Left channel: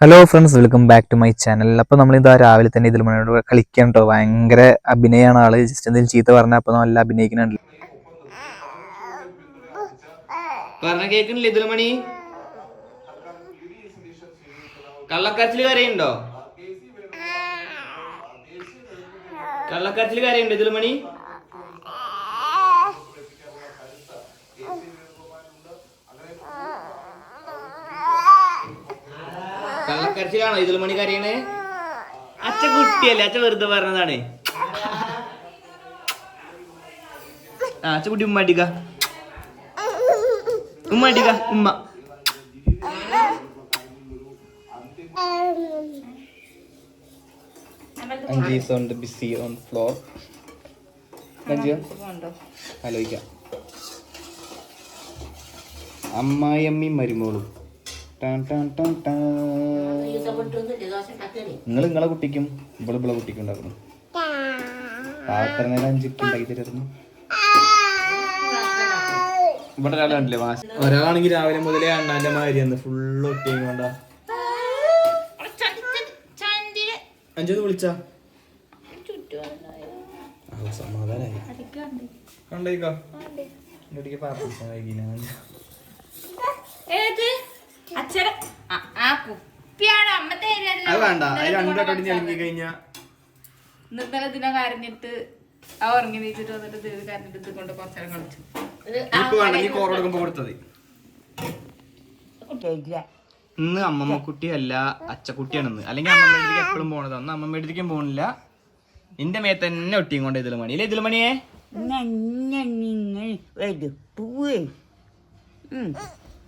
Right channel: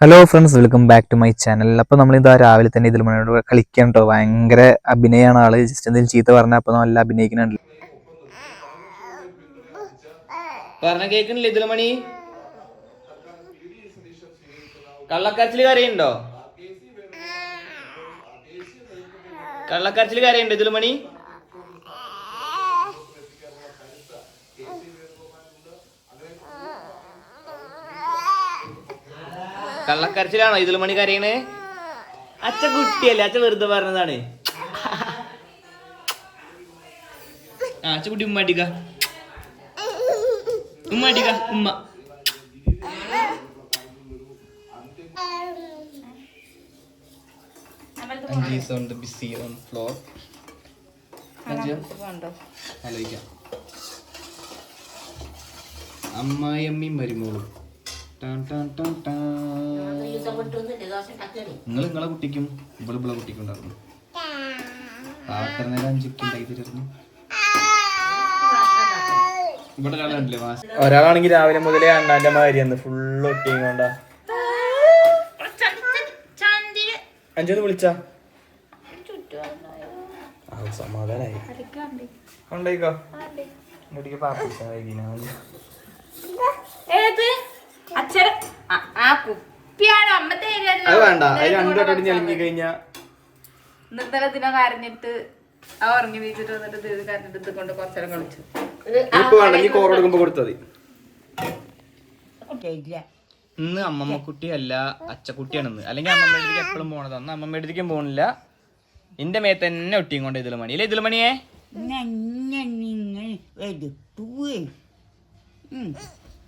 Hello friends welcome back to my channel അപ്പോൾ നമ്മൾ ഇതാ രാവിലെ തന്നെ ഇതിൽ മണിയോട് കളിക്കാൻ കേട്ടോ ഭയങ്കര അഭിനയമാണ് ആൾ. ജസ്റ്റ് എന്തെങ്കിലും ചീത്ത പറഞ്ഞാൽ അപ്പോൾ നല്ല അഭിനയിക്കുന്നുണ്ട്. പറഞ്ഞ കരയുണ്ടോ കള്ളക്കരച്ചിൽ കരയുണ്ടോ ഇതിൽ മണി? കള്ളക്കരച്ചിലാണോ? ഇതിൽ മണി കരയണേ? അച്ഛ കുട്ടിയല്ലേ? അച്ഛ വെറുതെ പറഞ്ഞതാണ്. ആ അച്ഛ കുട്ടി ഉമ്മ അടിക്ക ഉമ്മ അടിക്ക ഉമ്മ. അമ്മായിയമ്മയും മരുമോളും. നിങ്ങൾ നിങ്ങളെ കുട്ടിക്കും ഇവിടെ ഇവിടെ കുട്ടിക്കും ഉണ്ടാക്കുന്നു. പാത്ര നേരം അഞ്ചുക്ക് ഉണ്ടാക്കി തരുന്നു ഇവിടെ മാസ് ഒരാളാണെങ്കിൽ രാവിലെ മുതലേ അണ്ണാന്റെ മാതിരി ഫുള്ള് ഒട്ടിയും കൊണ്ടാ അഞ്ചൊന്ന് വിളിച്ചാ? ആ, സമാധാനായി. കൊണ്ടേക്കോ ഇങ്ങോട്ടേക്ക് പാപ്പിച്ച വൈകിനാ ഏത്? അച്ഛൻ ആ കുപ്പിയാണ് അത് വേണ്ട അത് കഴിഞ്ഞാ. ഇന്നലെ ദിനം കരഞ്ഞിട്ട് ആ ഉറങ്ങി വന്നിട്ട് ഇത് കരഞ്ഞിട്ട് ഇത് കൊണ്ട് കുറച്ചേരം കളിച്ചു. ഇപ്പൊ വേണ്ട നീ കോറ കൊടുക്കുമ്പോ കൊടുത്തത് ഇന്ന് അമ്മമ്മ കുട്ടി അല്ല അച്ചക്കുട്ടിയാണെന്ന്. അല്ലെങ്കിൽ അമ്മമ്മ അടുത്തേക്ക് എപ്പോഴും പോണത്. അന്ന് അമ്മമ്മ അടുത്തേക്കും പോണില്ല. എന്റെ മേത്ത് തന്നെ ഒട്ടിയും കൊണ്ട് ഇതിൽ മണി അല്ലേ ഇതിൽ മണിയേ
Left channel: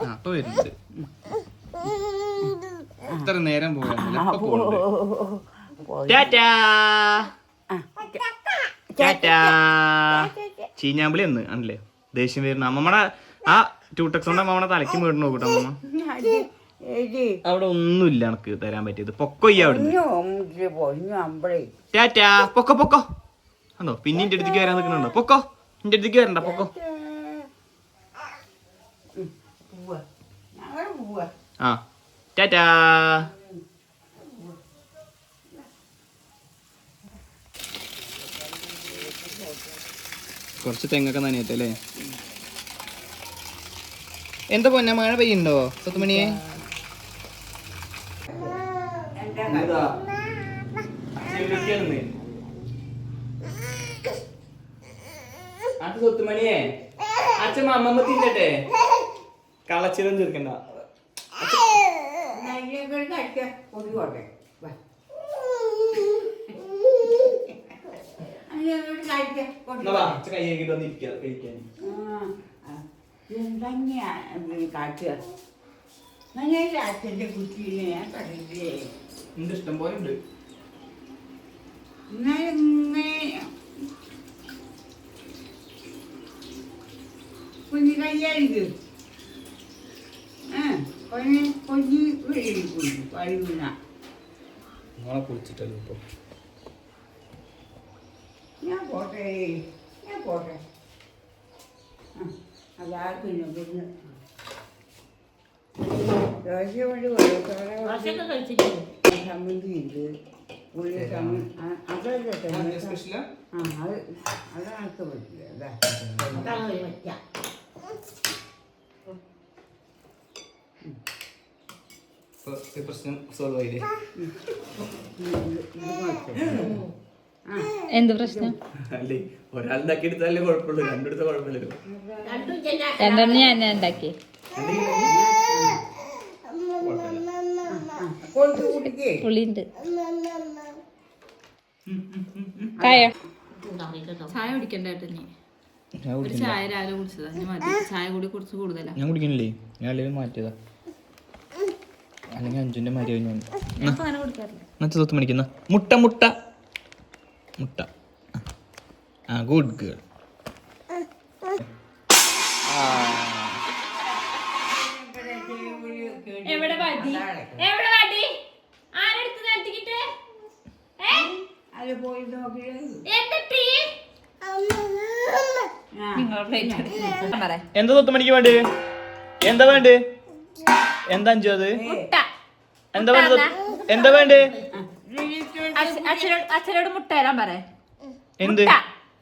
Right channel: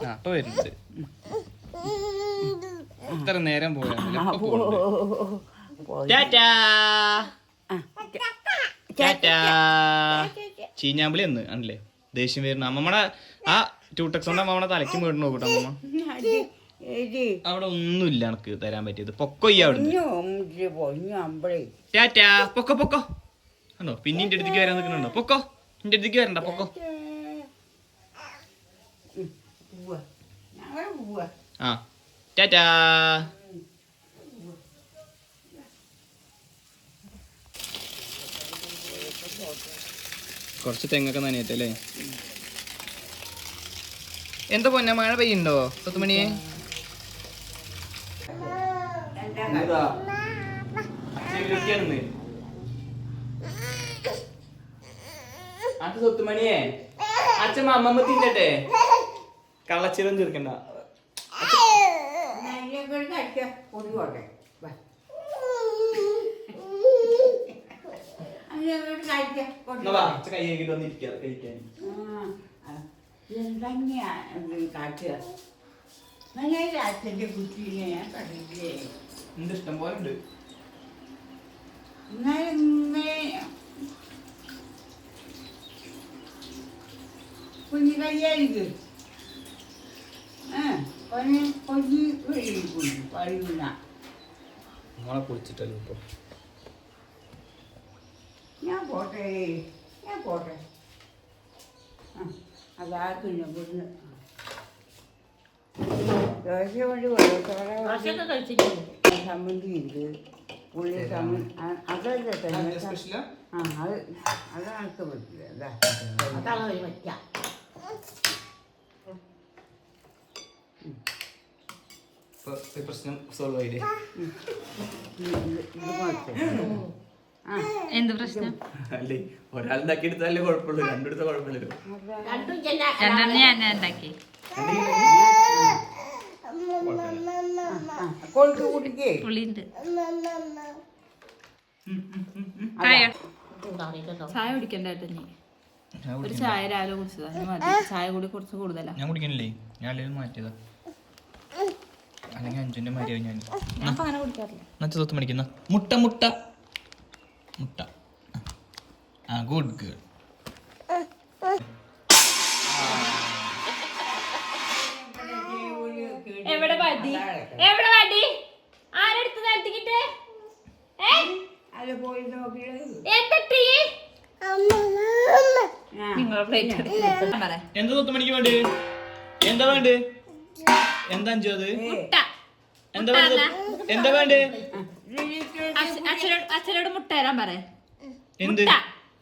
ഇപ്പൊ വരുന്നുണ്ട് ഇത്ര നേരം ചീഞ്ഞാമ്പിളി എന്ന് ആണല്ലേ? ദേഷ്യം വരുന്ന അമ്മമ്മടെ ആ ടൂട്ടക്സ് കൊണ്ട് അമ്മമ്മടെ തലയ്ക്ക് വീട് നോക്കട്ടെ അമ്മമ്മ അവിടെ ഒന്നും ഇല്ല എനക്ക് തരാൻ പറ്റിയത്. പൊക്കൊയ്യ അവിടെ ടാറ്റാ. പൊക്കോ പൊക്കോ. ആണോ പിന്നെ എന്റെ അടുത്തേക്ക് വരാൻ നിൽക്കുന്നുണ്ടോ? പൊക്കോ. എന്റെ അടുത്തേക്ക് വരണ്ട പൊക്കോ. ആ ടാറ്റാ കുറച്ച് തെങ്ങൊക്കെ നനയട്ടല്ലേ? എന്താ പൊന്ന മഴ പെയ്യുണ്ടോ സത്തുമണിയെ അത് സ്വത്തുമണിയെ അച്ഛൻ അമ്മമ്മ തിന്നട്ടെ? കളച്ചിലും ചെറുക്കണ്ട എന്നാ വാ, അച്ഛൻ കൈ കഴുകിയിട്ട് വന്നിരിക്കാ കഴിക്കാൻ. അച്ഛന്റെ കുട്ടീനെ ഞാൻ കണ്ടില്ലേ ഉണ്ട് ഇഷ്ടം പോലെ ഉണ്ട്. കുഞ്ഞു കയ്യായിരിക്കും കൊഞ്ഞ് കൊഞ്ഞി കുഞ്ഞു പഴുന്ന നിങ്ങളെ കുളിച്ചിട്ടല്ലോ ഇപ്പൊ ഞാൻ പോട്ടെ ഞാൻ പോട്ടെ. ആ, അതാർക്കും ഇവിടുന്ന്. ദോശ കൊണ്ട് വെള്ളത്തോടെ സമ്മന്തി ഉണ്ട്. പുള്ളി സമ്മന്തി അതൊക്കെ തന്നെ. ആ അത് അത്. പറ്റില്ല അതാ പ്രശ്നം സോൾവ് ആയില്ലേ ഇത് എന്ത് പ്രശ്നം? അല്ലേ ഒരാൾ ഉണ്ടാക്കി എടുത്താലേ കുഴപ്പമുള്ളൂ രണ്ടെടുത്ത കുഴപ്പമില്ലല്ലോ രണ്ടെണ്ണം ഞാൻ ഉണ്ടാക്കി. പുളിയുണ്ട്. ചായ? ചായ കുടിക്കണ്ട നീ ഒരു ചായ രാവിലെ കുടിച്ചതാ. ചായ കൂടി കുറച്ച് കൂടുതലാ. ഞാൻ കുടിക്കണില്ലേ? ഞാൻ മാറ്റിയതാ. അല്ലെങ്കിൽ അഞ്ചിന്റെ മരിയോ ഞാൻ മണിക്കുന്ന മുട്ട മുട്ട. മുട്ട. ആ ഗുഡ് ഗേൾ എവിടെ വടി? എവിടെ വടി? ആരെടുത്ത് നടത്തിക്കിട്ട് എന്താ സ്വത്ത് മണിക്ക് വേണ്ട എന്താ വേണ്ടേ എന്താ അഞ്ചു അത്? മുട്ട. എന്താ വേണ്ടത്? എന്താ വേണ്ടേ? അച്ഛ- അച്ഛനോട് അച്ഛനോട് മുട്ട തരാൻ പറ. എന്ത്?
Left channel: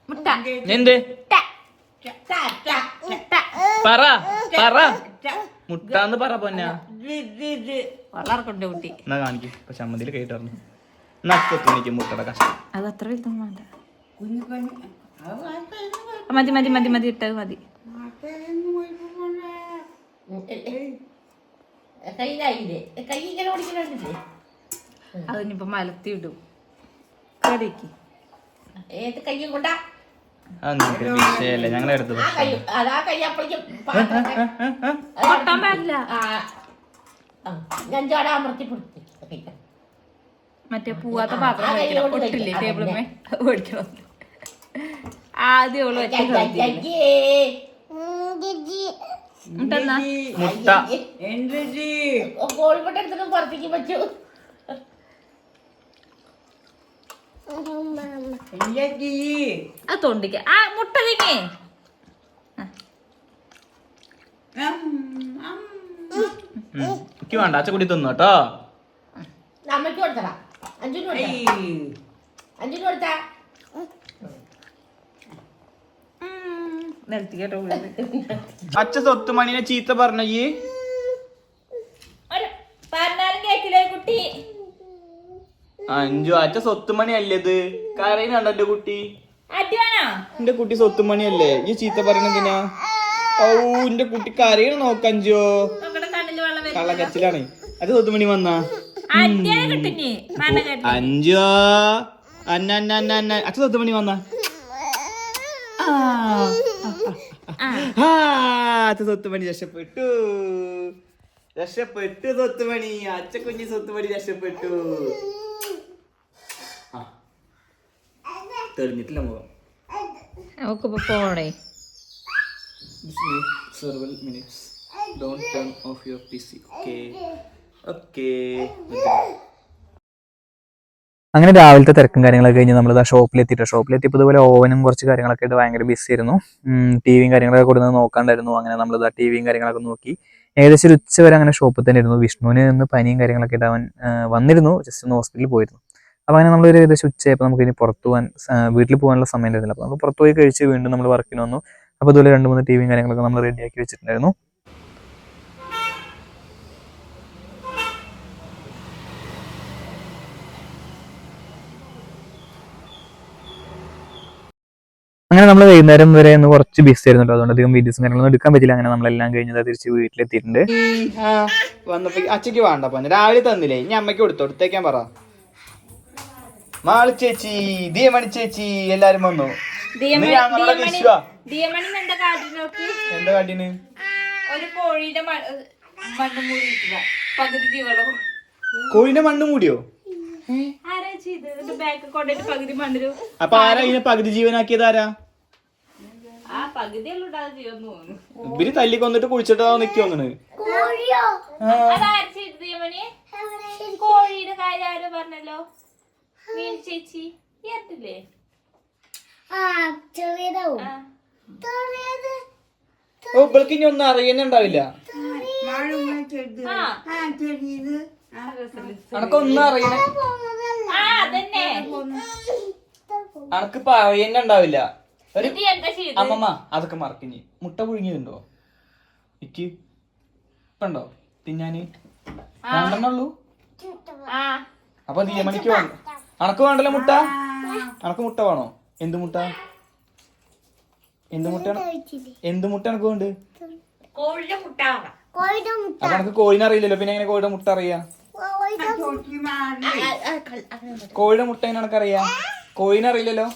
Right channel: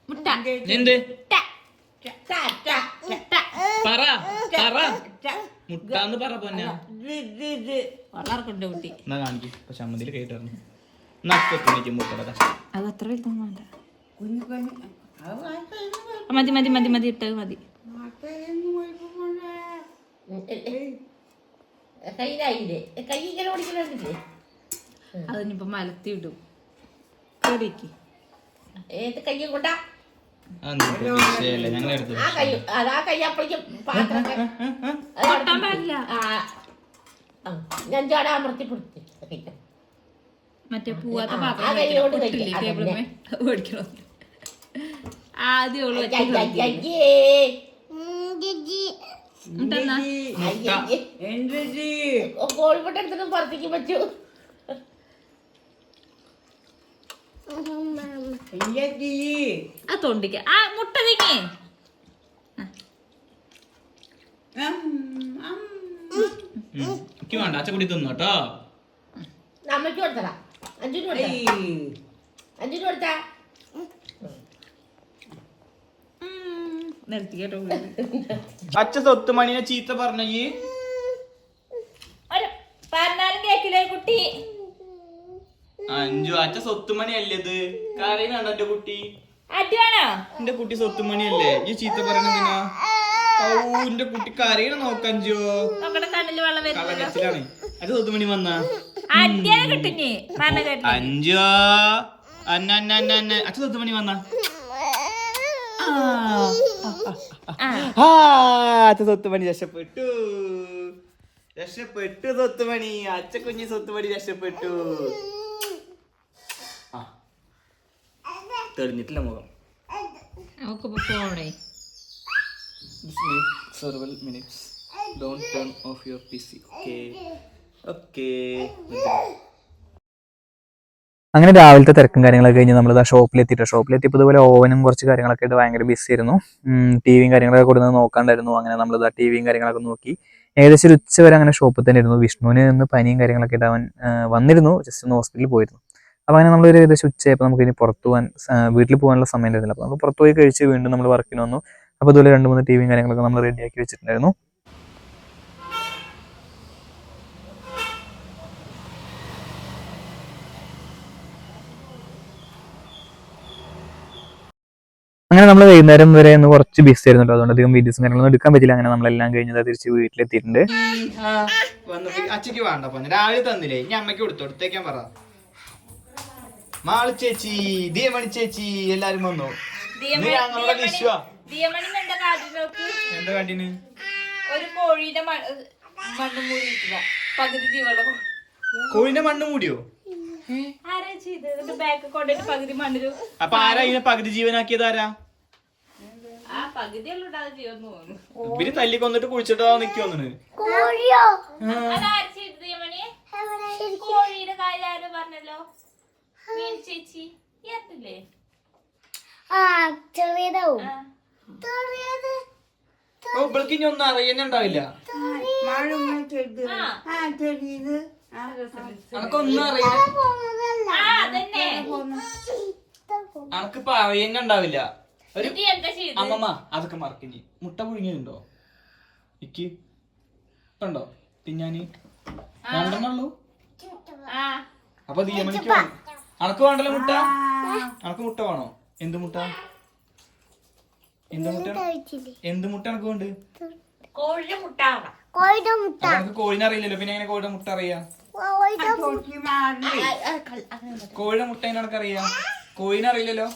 മുട്ട. എന്ത്. പറ. പറ. മുട്ടാന്ന് പറ പൊന്നാ. വളർക്കുണ്ട് കുട്ടി. എന്നാ കാണിക്കും. ഇപ്പൊ ചമ്മന്തിയിൽ കേട്ടു നക്കത്തുണിക്ക് മുട്ടയുടെ കഷ്ടം അത് അത്ര വലുതൊന്നും വേണ്ട. മതി മതി മതി മതി ഇട്ടത് മതി. കയ്യിലായില്ലേ? കൈ ഇങ്ങനെ ഓടിക്കുന്നുണ്ടല്ലേ അതിനിപ്പോ മലത്തി ഇടും കടിക്ക്. ഏത് കയ്യും കൊണ്ടാ? വിഷയല്ലേ? ഞങ്ങൾ അതാ കൈ അപ്പോഴേക്കും പാടില്ല ഞാൻ ചോട അമർത്തി പിടിച്ച്. മറ്റേ പൂവാത്ത പാത്രം പൊട്ടില്ലേ ടേബിളുമേ ആദ്യം അവൾ മുട്ട. കോഴിമുട്ട എടുത്തിട്ട് പുറത്തേക്ക് പറ്റൂ. ആ തൊണ്ടിക്ക്. ആ മുട്ട തിങ്ങി എനിക്ക് വേണ്ട. അച്ഛ കൂടി തിന്നു കേട്ടോ. അമ്മയ്ക്ക് കൊടുത്തടാ അഞ്ചു കൊടുത്ത അഞ്ചു കൊടുത്താ. നിർത്തി കേട്ടോ അച്ഛ സ്വത്ത് മണിനെ ചീത്ത പറഞ്ഞ ഈ? പറഞ്ഞാലും കേക്കില്ലേ കുട്ടി? അഞ്ചു. അച്ഛ സ്വത്തുമണി അല്ലേ ഇത്? കരയുന്നുണ്ടോ എന്റെ കുട്ടി? എന്റെ കുട്ടി സ്വത്തുമണി അല്ലേ ഈ ചീത്ത പറയണെന്തിനാ ഓ എന്റെ കുട്ടി കരയണ നോക്കഞ്ചോ കള്ളക്കച്ചിലാണ് അത് സ്വത്തുമണി വന്നാ? അഞ്ചോ? അന്ന അന്ന അന്ന അച്ഛ സ്വത്തുമണി വന്നാ? ആ. ആ അച്ഛ സ്വത്ത് മണി രക്ഷപ്പെട്ടു. രക്ഷപ്പെട്ടു സ്വത്തുമണി അച്ഛ കുഞ്ഞി സ്വത്തുമണി രക്ഷപ്പെട്ടു. ആ. തെളിഞ്ഞിട്ടില്ല മുഖം. നമുക്കിപ്പോ turn off your Don't turn off your PC. Okay. Okay. അങ്ങനെ രാവിലത്തെ തിരക്കും കാര്യങ്ങളൊക്കെ കഴിഞ്ഞ് നമ്മൾ ആ ഷോപ്പിലെത്തിയിട്ട് ഷോപ്പിലെത്തിയപ്പോൾ ഇതുപോലെ ഓവനും കുറച്ച് കാര്യങ്ങളൊക്കെ ആയിട്ട് ഭയങ്കര ബിസി ആയിരുന്നു. ടി വിയും കാര്യങ്ങളൊക്കെ കൊടുക്കുന്നത് നോക്കാണ്ടായിരുന്നു. അങ്ങനെ നമ്മൾ ആ ടി വിയും കാര്യങ്ങളൊക്കെ നോക്കി. ഏകദേശം ഒരു ഉച്ച വരെ അങ്ങനെ ഷോപ്പിൽ തന്നെ ഇരുന്നു. വിഷ്ണുവിന് നിന്ന് പനിയും കാര്യങ്ങളൊക്കെ ആയിട്ട് അവൻ വന്നിരുന്നു. ജസ്റ്റ് ഒന്ന് ഹോസ്പിറ്റലിൽ പോയിരുന്നു. അപ്പോൾ അങ്ങനെ നമ്മളൊരു ഏകദേശം ഉച്ചയായപ്പോൾ നമുക്ക് ഇനി പുറത്ത് പോകാൻ വീട്ടിൽ പോകാനുള്ള സമയം ഉണ്ടായിരുന്നില്ല. അപ്പോൾ നമുക്ക് പുറത്ത് പോയി കഴിച്ച് വീണ്ടും നമ്മൾ വർക്കിന് വന്നു. അപ്പോൾ ഇതുപോലെ രണ്ട് മൂന്ന് ടി വിയും കാര്യങ്ങളൊക്കെ നമ്മൾ റെഡിയാക്കി വെച്ചിട്ടുണ്ടായിരുന്നു. അങ്ങനെ നമ്മൾ വൈകുന്നേരം വരെ ഒന്ന് കുറച്ച് ബിസി ആയിരുന്നു അതുകൊണ്ട് അധികം വീഡിയോസും കാര്യങ്ങളൊന്നും എടുക്കാൻ പറ്റില്ല അങ്ങനെ നമ്മളെല്ലാം കഴിഞ്ഞത് തിരിച്ച് വീട്ടിലെത്തിയിട്ടുണ്ട്. വന്നപ്പോ അച്ഛക്ക് വേണ്ട. പഞ്ഞ രാവിലെ തന്നില്ലേ? ഇനി അമ്മയ്ക്ക് കൊടുത്തു? പറ. മാളി ചേച്ചി ദിയമണി ചേച്ചി എല്ലാരും വന്നു. എന്താ കാട്ടിന്? ഒരു കോഴിയുടെ മണ്ണ് മൂടി. പകുതി കോഴിന്റെ മണ്ണ് മൂടിയോ? അപ്പൊ ആരാ ഇതിനെ പകുതി ജീവനാക്കിയത്? ആരാ ആ പകുതി ഉണ്ടാകുന്ന ജീവൻ തോന്നുന്നു ഇവർ തല്ലിക്കൊന്നിട്ട് കുഴിച്ചിട്ടാ നിക്കി വന്നിന് അതാര് ചെയ്ത് ദിയമണി കോഴിയുടെ കാര്യം ആരോ പറഞ്ഞല്ലോ? മീൻ ചേച്ചി. ഏത്തില്ലേ ചെറിയതാവും. ആ. ഓ ഇവൾക്ക് ഇനി ഒന്നും അറിയുന്നുണ്ടാവില്ല. അനക്കൊന്നും അറിയുന്ന ആ. അതന്നെ. അനക്ക് പറയുന്നുണ്ടാവില്ല. ഒരു അമ്മമ്മ അതൊക്കെ മറക്കിഞ്ഞി മുട്ട പുഴുങ്ങിയതുണ്ടോ ഇക്ക്. കണ്ടോ തിന്നാന്. രണ്ടെണ്ണുള്ളൂ? ആ. അപ്പൊ ദീമണിക്ക് വേണം അനക്ക് വേണ്ടല്ലോ മുട്ട? അനക്ക് മുട്ട വേണോ? എന്ത് മുട്ട? എന്ത് മുട്ട? എന്ത് മുട്ട അനക്ക് വേണ്ട കോഴിയുടെ മുട്ട കോഴിയുടെ മുട്ട. അപ്പൊ എനക്ക് കോഴിനെ അറിയില്ലല്ലോ. പിന്നെ എങ്ങനെ കോഴിയുടെ മുട്ട അറിയാ? കോഴിയുടെ മുട്ട എങ്ങനെ അണക്കറിയാ കോഴിനെ അറിയില്ലല്ലോ?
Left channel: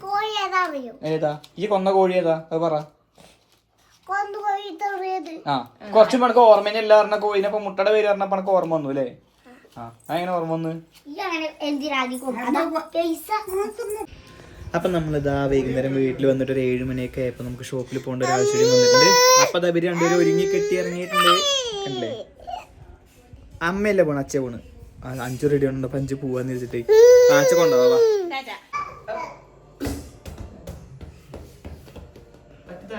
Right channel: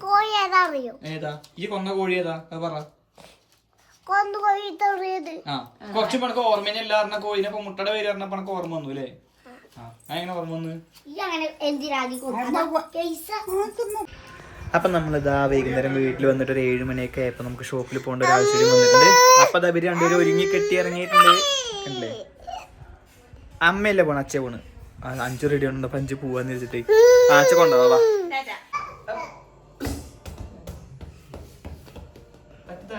കോഴി ഏതാ അറിയോ ഏതാ? ഈ കൊന്ന കോഴി ഏതാ? അത് പറ. കൊന്നു കോഴി തെറിയത് ആ കുറച്ച് എനക്ക് ഓർമ്മയില്ല പറഞ്ഞ കോഴിനെ. ഇപ്പൊ മുട്ടയുടെ പേര് പറഞ്ഞ പണക്ക് ഓർമ്മ വന്നു അല്ലേ? ആ അങ്ങനെ ഓർമ്മ വന്നു? അപ്പൊ നമ്മളിതാ വൈകുന്നേരം വീട്ടിൽ വന്നിട്ട് ഒരു ഏഴ് മണിയൊക്കെ ആയപ്പോ നമുക്ക് ഷോപ്പിൽ പോകേണ്ട ഒരു ആവശ്യം വന്നിട്ടുണ്ട്. അപ്പൊ അതാ ഇവർ രണ്ടുപേരും ഒരുങ്ങി കെട്ടി ഇറങ്ങിയിട്ടുണ്ട്. അല്ലേ അമ്മയല്ലേ പോണ? അച്ഛ പോണ്. അഞ്ചു റെഡി ഉണ്ടോ അപ്പൊ അഞ്ചു പോവാന്ന് വെച്ചിട്ട്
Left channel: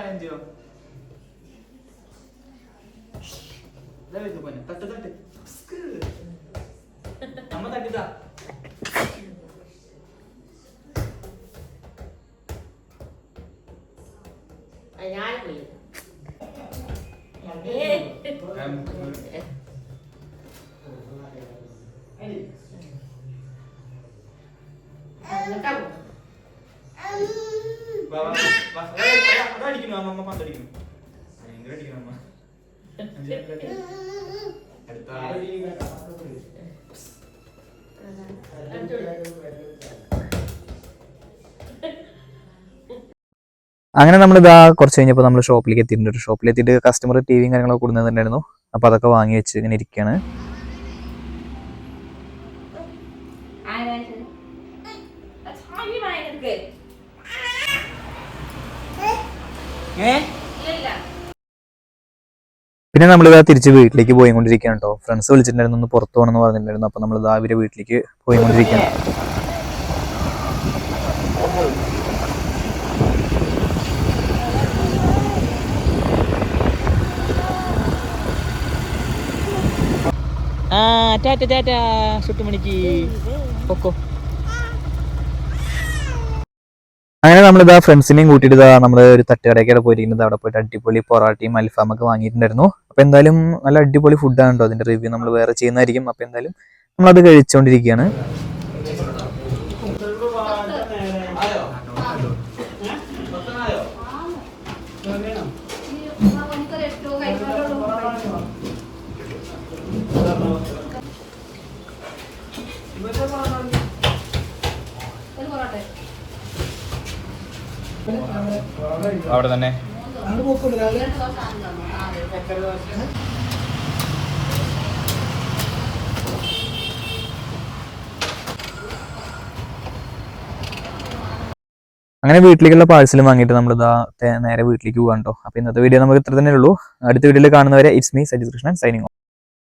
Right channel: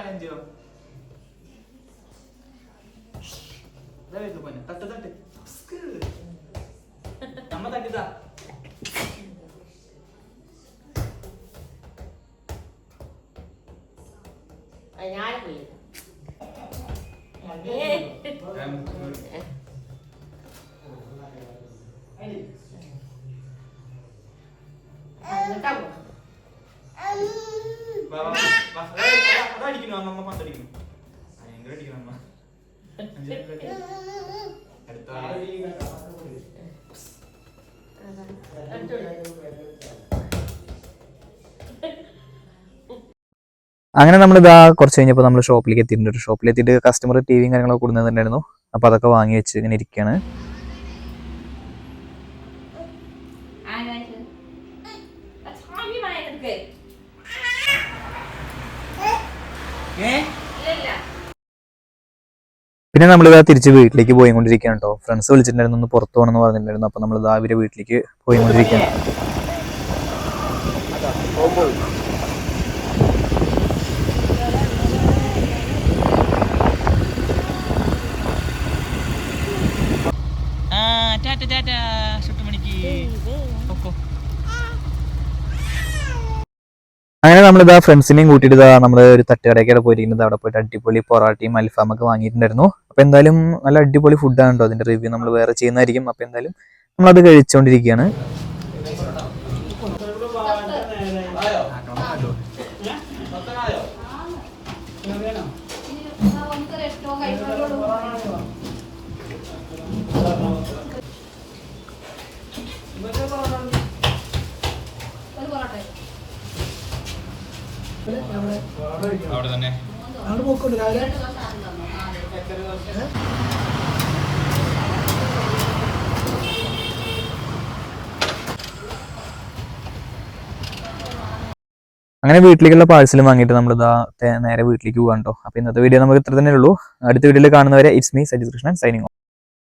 ないんだよ。誰とかに当たったってスクー生だけだ。あ、やるえ？え。あ、多分。അങ്ങനെ നമ്മൾ ഇതാ കുറച്ച് കഴിഞ്ഞപ്പോൾ നമ്മൾ ഷോപ്പിലേക്ക് എത്തിയിട്ടുണ്ട്. ഷോപ്പിലെത്തിയിട്ട് കസ്റ്റമർ ടി വിയും കാര്യങ്ങളൊക്കെ കൊടുക്കുന്നുണ്ടായിരുന്നു അപ്പോൾ അതൊക്കെ വാങ്ങി വെച്ച് ഇങ്ങനെ ഇരിക്കുകയാണ് പിന്നെ നമ്മൾ ഇതാ തിരിച്ച് വീട്ടിലേക്ക് പോയി കൊണ്ടിരിക്കുകയാണ് കേട്ടോ ഫ്രണ്ട്സ് വിളിച്ചിട്ടുണ്ടായിരുന്നു ഒന്ന് പുറത്തു പോകണമെന്ന് പറഞ്ഞിട്ടുണ്ടായിരുന്നു. അപ്പോൾ നമ്മൾ ഇതാ അവരെ വീട്ടിലേക്ക് പോയി കൊണ്ടിരിക്കുകയാണ് ടാറ്റ ടാറ്റ സുട്ടുമണിക്ക് പൊക്കോ അങ്ങനെ നമ്മളിതാ ഫ്രണ്ട്സിനെയും കൂട്ടിയിട്ട് ഇതാ നമ്മൾ ഒരു തട്ടുകടയൊക്കെ പോയിരിക്കുന്നത്. അവിടെ പോയിട്ട് അടിപൊളി പൊറാട്ടയും അൽഫാമൊക്കെ വാങ്ങിയിട്ടുണ്ടായിരുന്നു. അപ്പോൾ എന്തായാലും നല്ല അടിപൊളി ഫുഡാണ് കേട്ടോ അതിന്റെ റിവ്യൂ നമ്മൾ വേറെ ചെയ്യുന്നതായിരിക്കും. അപ്പോൾ എന്തായാലും നമ്മളത് കഴിച്ചുകൊണ്ടിരിക്കുകയാണ് അവിടെ തന്നെ. അങ്ങനെ വീട്ടിലേക്കുള്ള പാഴ്സലും വാങ്ങിയിട്ട് നമ്മൾ ഇതാ നേരെ വീട്ടിലേക്ക് പോകാൻ കേട്ടോ അപ്പോൾ ഇന്നത്തെ വീഡിയോ നമുക്ക് ഇത്ര തന്നെ ഉള്ളൂ. അടുത്ത വീഡിയോയിൽ കാണുന്നവരെ it's me Sajith Krishnan signing